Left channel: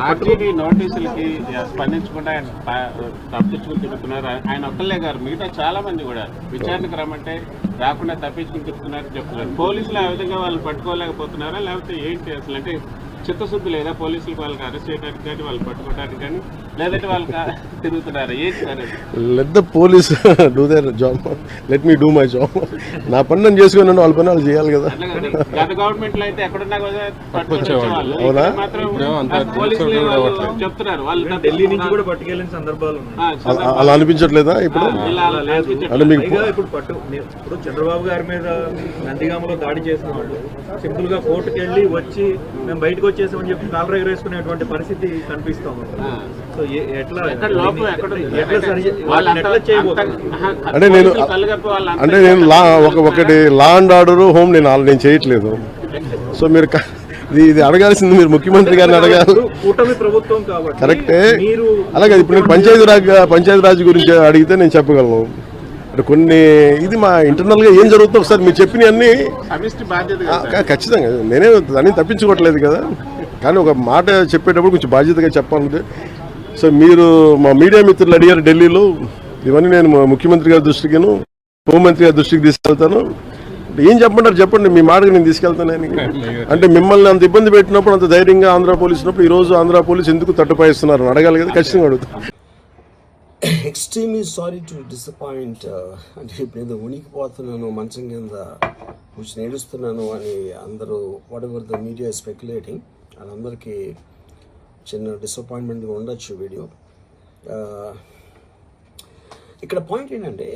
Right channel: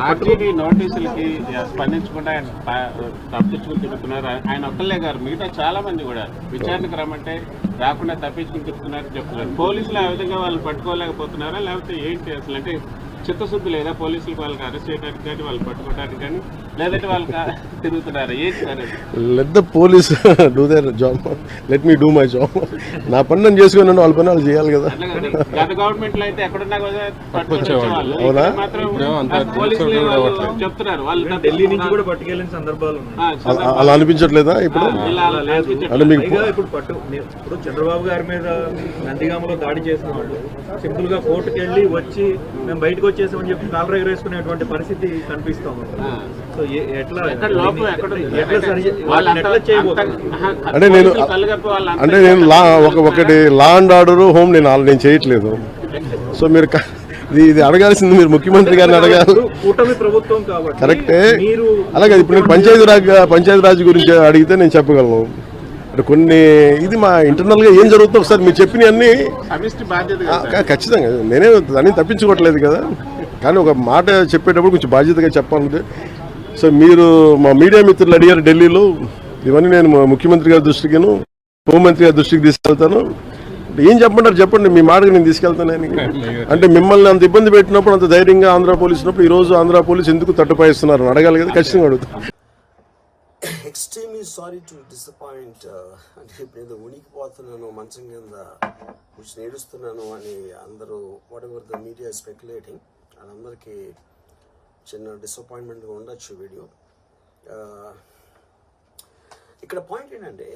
ఆర్టీడీ నోటీసులకి స్పందించకుండా ఆయన తప్పించుకుని తిరుగుతున్నారు. ఆయన ఒక్కళ్ళే గారు, మిగతా చాలా మంది కూడా విచారణకు రమ్మంటే రాకుండా తప్పించుకుని తిరుగుతున్నారని చెప్తున్నారు. పోలీసులు ఆ విధంగా వాళ్ళు పట్టుకోలేకపోతున్నారా, లేకపోతే ఏంటి అసలు? అంటే చిత్తశుద్ధి లేదా పోలీసులకు వాళ్ళకి అరెస్ట్ చేయడానికి కానీ వాళ్ళు పట్టుకోవడానికి కానీ, లేదంటే వాళ్ళకి తిరుగుతున్నారా? ఏంటి sir? Let the police do their job, let me do my job. నా పని నేను చేసుకున్నాను, వాళ్ళ పని వాళ్ళు చేయాలి కదా. గత గవర్నమెంట్ లో అయితే ఎక్కడున్నా పట్టుకొచ్చేవాళ్ళు, మాత్రం చెప్తున్నారు వాళ్ళు ఢిల్లీ నుంచి కూడా పట్టుకెళ్ళిన సందర్భాలు అలా అనిపించట్లేదా ఇప్పుడు? అంటే మీకు ఇప్పుడు చంద్రబాబు గారి మీద నందిగామలో దాడి చేసిన వాళ్ళు సింపుల్ గా కోర్టుకు వెళ్ళి వచ్చి మేము బయటకు వచ్చేసామని చెప్పి కాలర్ ఎగరేసుకునేటువంటి పరిస్థితి కనిపిస్తాం. సో అంటే నేను ఒకటి లా అండ్ ఆర్డర్ హోమ్ నేను చేయట్లేదు. సో మీరు ఇది అడగాల్సింది మీరు ముఖ్యమంత్రి గారిని అడగాలి. కూటమి ప్రభుత్వం కాబట్టి కరెక్టే. అలాగే ఇప్పుడు నేను పంచాయతీ రాజ్ గురించి అడిగితే నేను చెప్పగలను. అంటే కొన్ని ఇది మా ఇంటర్నల్ గా ఏం జరుగుతుందో ఒకసారి మీరు చెప్పిన అన్ని ఖచ్చితంగా నేనే దాన్ని తప్పించుకోవట్లేదు కదా, కానీ ఒక మాట చెప్పేటప్పుడు కొంచెం బాధ్యతగా చెప్పాలి. సో మీరు మా మీడియా మిత్రులు అడిగారు ఢిల్లీలో, ఇవన్నీ నేను ముఖ్యమంత్రి గారి దృష్టికిను హోంమంత్రి గారి దృష్టికి తీసుకెళ్తాను. ఏం చెప్పంటారు చెప్పండి, మీ మాటకు నేను తీసుకెళ్తాను. అంటే మిమ్మల్ని అంత ఇబ్బంది పెట్టినప్పుడు, అంత ధైర్యంగా ఆంధ్ర పోలీసు ఉన్నప్పుడు ఈరోజు ఆంధ్ర పోలీసు ఎందుకు తట్టుపాయిస్తున్నారు అడగాలి కదా, ఖచ్చితంగా అడుగుతాను. Extremely sorry to disappoint. అంటే ఇప్పుడు ఏదో ఉనికిపోతున్నాను, మంచం కింద కొంచెం ఏడుస్తున్నాను అని అందరూ what ever the media speculating, వాళ్ళందరికీ చిన్న డిసప్పాయింట్మెంట్గా ఉండొచ్చు వీడియో. ఇక్కడ పాయింట్ ఏంటంటే,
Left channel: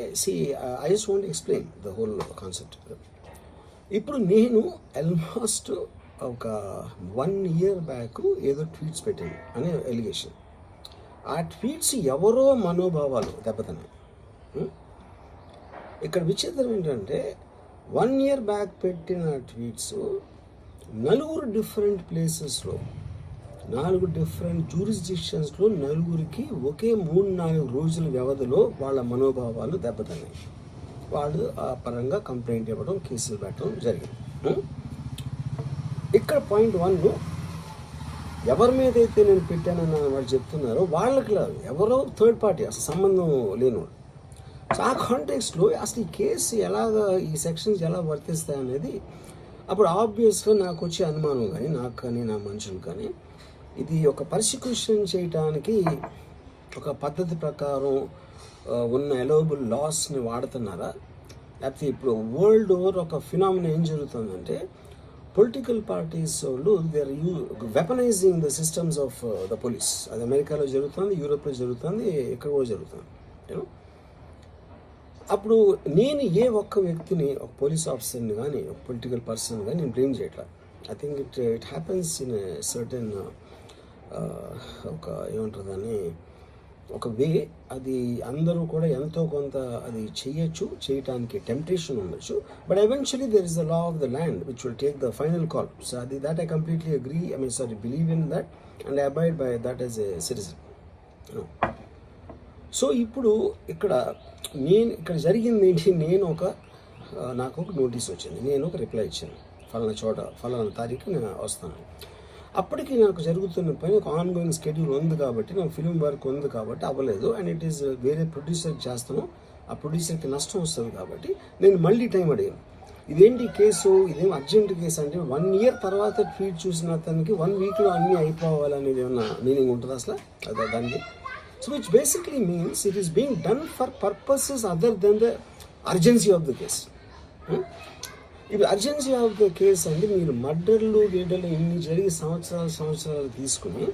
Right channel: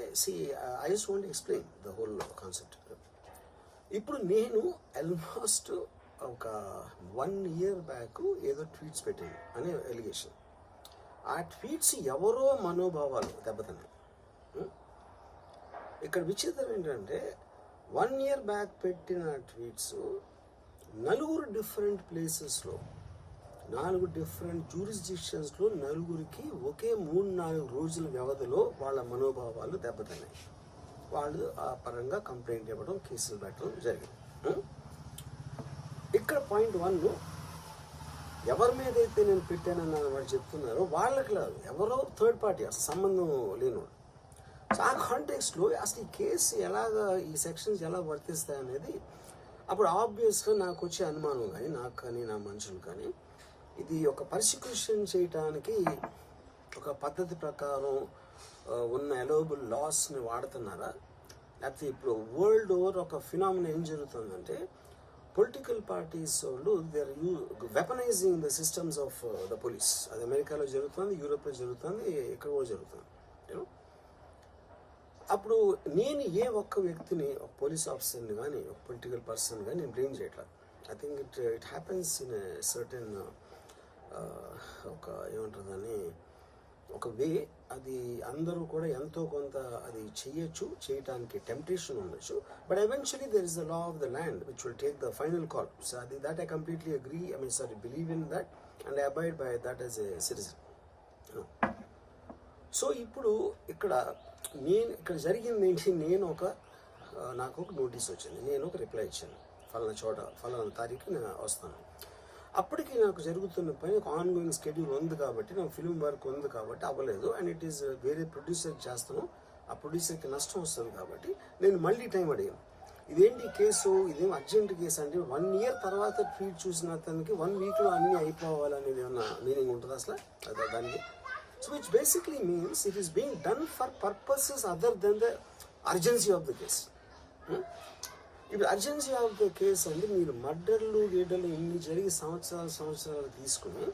I just want explain the whole concept. ఇప్పుడు నేను ఆల్మోస్ట్ ఒక 1 year బ్యాక్ ఏదో ట్వీట్స్ పెట్టాను అనే ఎలిగేషన్. ఆ ట్వీట్స్ ఎవరో మనోభావాలు దెబ్బతిన్నాయి. ఇక్కడ విచిత్రం ఏంటంటే 1 year బ్యాక్ పెట్టిన ట్వీట్స్ 4 డిఫరెంట్ ప్లేసెస్లో 4 డిఫరెంట్ జ్యూరిస్డిక్షన్స్లో 4కి ఒకే 3-4 రోజుల వ్యవధిలో వాళ్ళ మనోభావాలు దెబ్బతిన్నాయి. వాళ్ళు ఆ పరంగా కంప్లైంట్ ఇవ్వడం, కేసులు పెట్టడం జరిగింది. ఇక్కడ పాయింట్ 1, ఎవరి మీద అయితే నేను పెట్టానని వాళ్ళు చెప్తున్నారో వాళ్ళకి లేదు, ఎవరో థర్డ్ పార్టీ, అసలు సంబంధం లేనివాడు. సో ఆ కాంటెక్స్లో అసలు ఈ కేసు ఎలాగా, ఈ సెక్షన్స్ ఎలా వర్తిస్తాయి అనేది అప్పుడు ఆబ్వియస్గా నాకు వచ్చే అనుమానం కానీ, నాకు కానీ నా మనుషులు కానీ, ఇది ఒక పర్సిక్యూషన్ చేయటానికి ఒక పద్ధతి ప్రకారం ఉన్న ఎలవబుల్ లాస్ని వాడుతున్నారా, లేకపోతే ఇప్పుడు వరల్డ్ ఓవర్ ఒక ఫినామినా ఏం జరుగుతుందంటే, పొలిటికల్ పార్టీస్ వాళ్ళు they are weaponising the systems of the police. అది అమెరికాలో జరుగుతుంది, యూరోప్లో జరుగుతుంది, ఇక్కడ కూడా జరుగుతుంది. అప్పుడు నేను ఏ ఒక్క వ్యక్తిని, ఒక పోలీస్ ఆఫీసర్ని కానీ, ఒక పొలిటికల్ పర్సన్ కానీ నేను బ్లేమ్ చేయట్లా. I think it happens in certain ఒక ఏమంటారు దాన్ని, ఒక వే. అది అందరూ కూడా ఎంతో కొంత అది చేయటానికి టెంప్టేషన్ ఉండొచ్చు. But eventually there is the law of the land which will take the final call. So అది that I completely agree, believe in that and I abide by that as a citizen. So ఇప్పుడు ఇక్కడ జరిగింది ఏంటి, నాకు ఒక notice వచ్చింది, నేను ఒక రిప్లై ఇచ్చాను, ఫలానా తారీఖు నేను వస్తాను. అప్పటికి నాకు జరుగుతున్న పని ఒక ఆన్గోయింగ్ స్కెడ్యూల్ ఉంది కాబట్టి, నాకు ఫిల్మ్ వర్క్ ఉంది కాబట్టి అవ్వలేదు. అండ్ ఇట్ ఈస్ వేరే ప్రొడ్యూసర్కి చేస్తాను, ఆ ప్రొడ్యూసర్కి నష్టం వస్తుంది కాబట్టి నేను మళ్ళీ టైం అడిగాను. ఇదేంటి కేసు, ఇదేం అర్జెంట్ కేసు అంటే 1 year తర్వాత ట్వీట్ చూసిన అతనికి 1 weekలో అన్నీ అయిపోవాలనేది ఏమన్నా మీనింగ్ ఉంటుంది అసలు దానికి? So which basically means it is being done for purposes other than the urgency of the case. ఇప్పుడు అర్జెన్సీ ఆఫ్ ద కేస్ అంటే మీరు మర్డర్లు ఇన్ని జరిగి సంవత్సరాలు తీసుకుని